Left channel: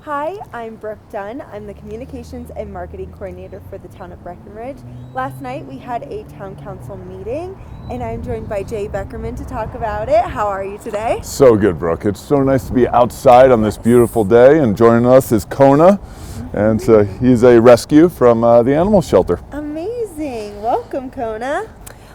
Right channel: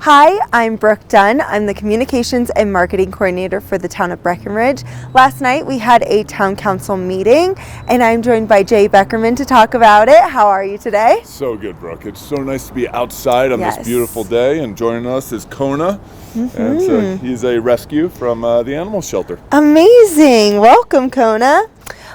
Hi, I'm Brooke Dunn. I'm the Communications and Marketing Coordinator for the town of Breckenridge. Last night we had a town council meeting and I'm joined by Jay Beckerman to talk about it. How are you today? So good, Brooke. It's so nice to be outside on Yes. this beautiful day, and joining us is Kona, and he's a rescue from the animal shelter. Amazing. Welcome, Kona.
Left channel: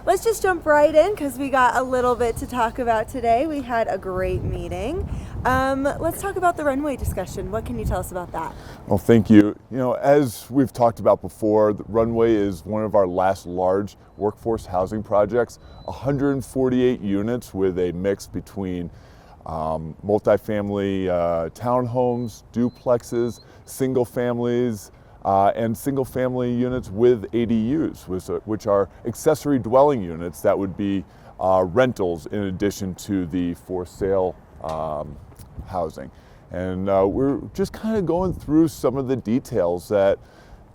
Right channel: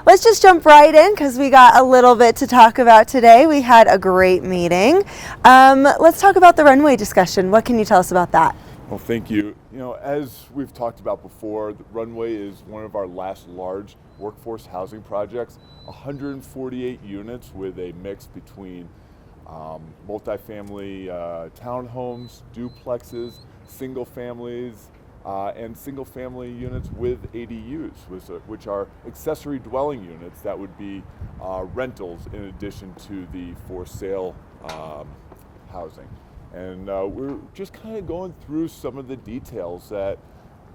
Let's just jump right in because we got a little bit to talk about today. We had a great meeting. Let's talk about the runway discussion. What can you tell us about that? Well, thank you. You know, as we've talked about before, the runway is one of our last large workforce housing projects, 148 units with a mix between multifamily townhomes, duplexes, single families, and single family units with ADUs, which are accessory dwelling units that would be rentals in addition to the for sale housing. And we're just kind of going through some of the details that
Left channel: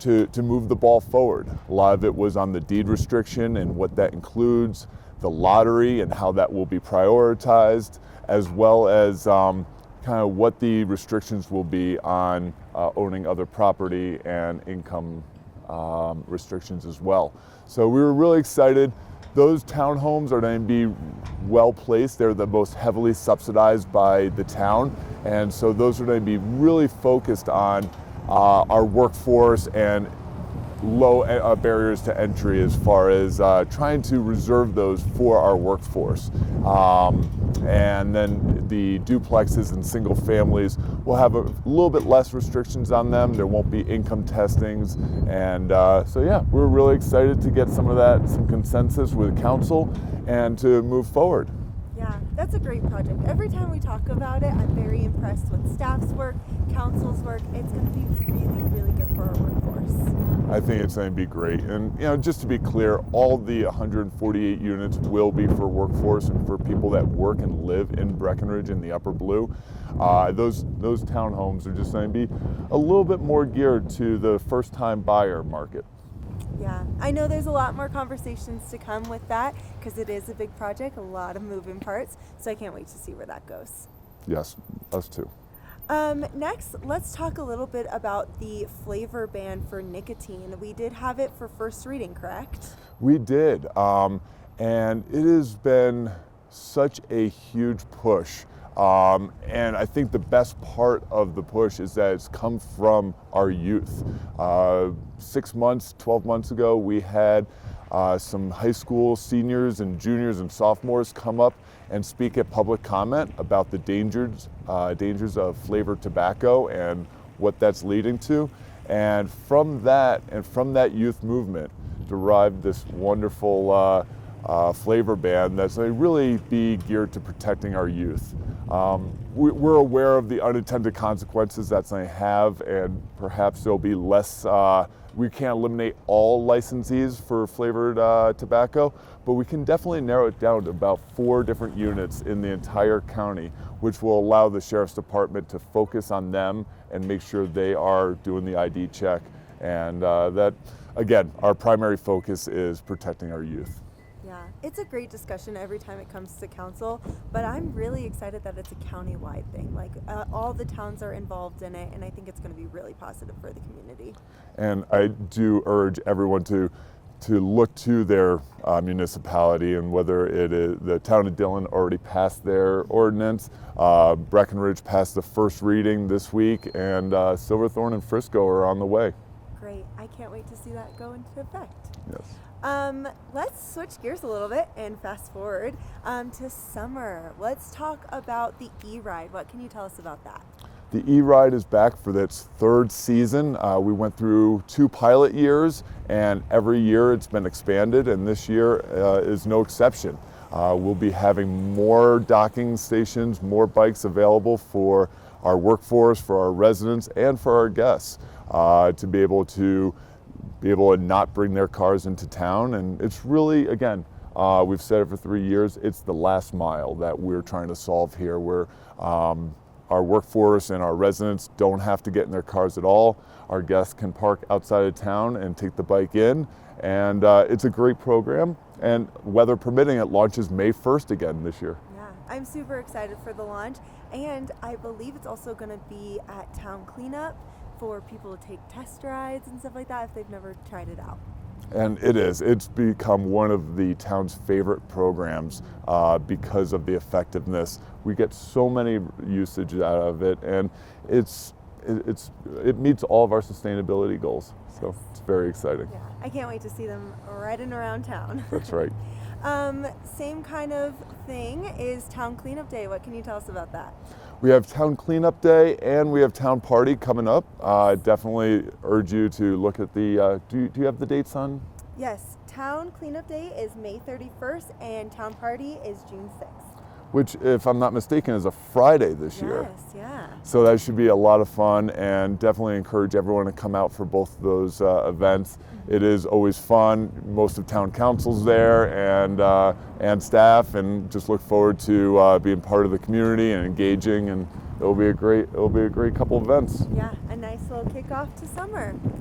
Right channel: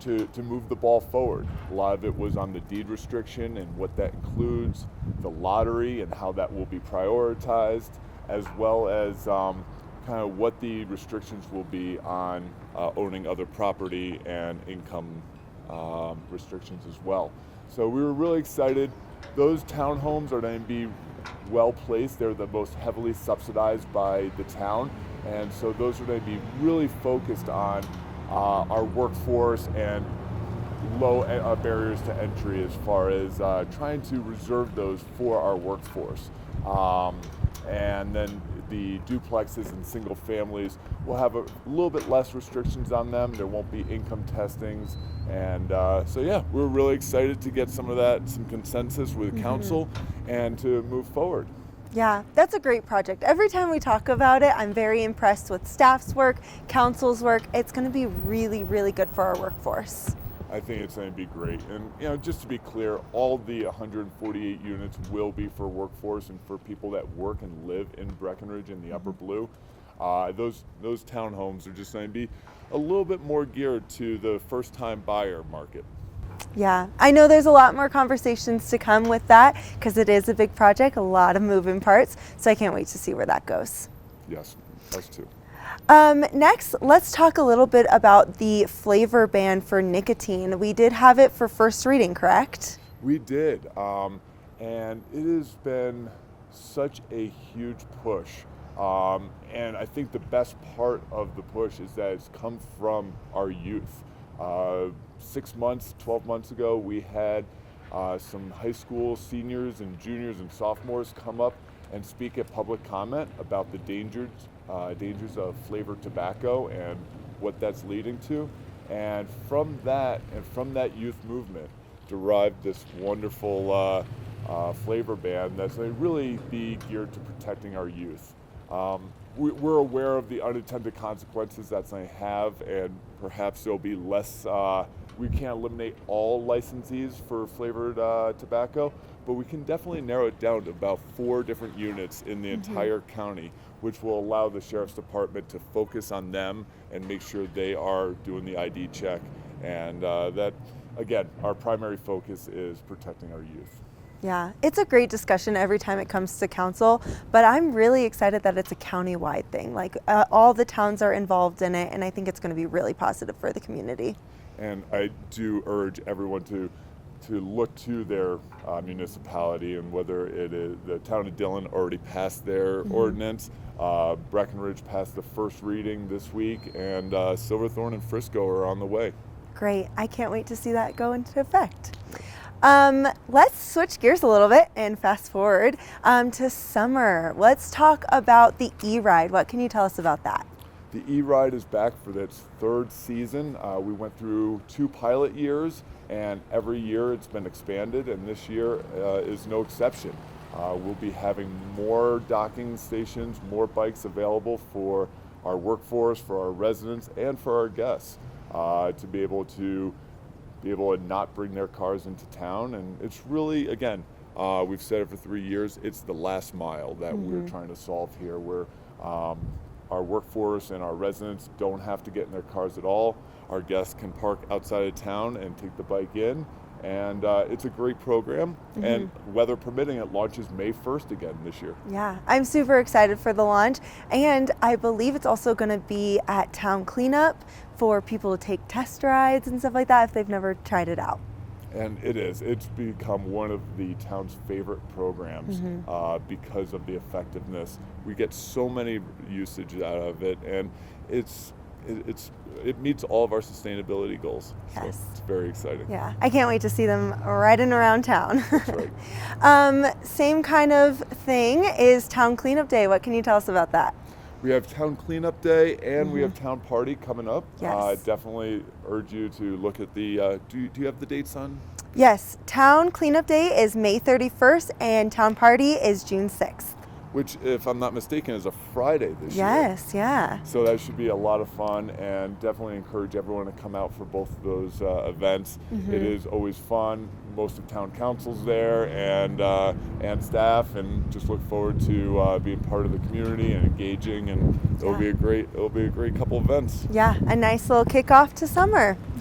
to move the ball forward. A lot of it was on the deed restriction and what that includes, the lottery and how that will be prioritized, as well as kind of what the restrictions will be on owning other property and income restrictions as well. So we were really excited. Those townhomes are going to be well placed. They're the most heavily subsidized by the town. And so those are going to be really focused on our workforce and low barriers to entry as far as trying to reserve those for our workforce. And then the duplexes and single families will have a little bit less restrictions on them. There won't be income testings. And so yeah, we're really excited to get some consensus with council and to move forward. Yeah, that's a great project. Every time we talk about it, I'm very impressed with staff's work, council's work. It's going to be really, really good for our workforce. I think it's going to be great. And you know, just to be clear, all the 148 units will be for workforce and for people that work and live in Breckenridge in the Upper Blue. Those townhomes are just going to be a little bit more geared to the first-time buyer market. Yeah, I know there's a lot more conversations to come with that because it is a big project, a lot of moving parts. So I can't wait to see where that goes. Yes, us too. Next, let's talk a little bit about the flavor ban for nicotine. We did have it for first reading, correct? We did, and it has been such a huge push. And I think the best part of the push is that it's come from our youth. 6 months, 12 months ago, we had some high school seniors and juniors and sophomores come up and speak at public comment about the dangers of flavored tobacco and what that's leading to. And from that youth movement derived this wonderful flavor ban that's going to really be geared to protecting our youth. We're aware of the unintended consequences that's going to have, and perhaps there'll be less. We can't eliminate all licensees for flavored tobacco, but we can definitely narrow it down to about 4 different units in the entire county, which will allow the Sheriff's Department to focus on them and make sure they are doing the ID check. And that, again, our primary focus is protecting our youth. Yeah, it's a great discussion every time it comes to council, but I'm really excited that it's a county-wide thing. Like all the towns are involved in it, and I think it's going to be really positive for the community. And I do urge everyone to look to their municipality, and whether it is the town of Dillon already passed their ordinance, Breckenridge passed the first reading this week, and Silverthorne and Frisco are on the way. Great, I can't wait to see that go into effect. Let's switch gears a little bit and fast forward to summer. Let's talk about the E-Ride. What can you tell us about that? The E-Ride is back for its 3rd season. We went through 2 pilot years, and every year it's been expanded, and this year is no exception. We'll be having more docking stations, more bikes available for our workforce, for our residents, and for our guests to be able to not bring their cars into town. And it's really, again, we've said it for 3 years, it's the last mile that we're trying to solve here, where our workforce and our residents don't have to get in their cars at all. Our guests can park outside of town and take the bike in, And it's a great program, and weather permitting, it launches May 1st again this year. Yeah, I'm super excited for the launch, and I believe it's also going to be at Town Cleanup for people to take test rides and stuff like that if they've never tried it out. And it's become one of the town's favorite programs because of the effectiveness. We get so many usage out of it, and it meets all of our sustainability goals. Yes. So it's very exciting. Yeah, I can't wait to see them riding around town. That's right. Same kind of thing is Town Cleanup Day. What can you tell us about that? We have Town Cleanup Day and we have Town Party coming up. Yes. Definitely urge you to look at the, do you have the dates on? Yes, Town Cleanup Day is May 31st and Town Party is June 6th. Which, if I'm not mistaken, is a Friday this year. Yes, yeah. So that should be a lot of fun, and definitely encourage everyone to come out for both of those events. It is always fun. Most of town council's there and staff, and just look forward to being part of the community and engaging. And it'll be a great couple events. Yeah, a nice little kickoff to summer.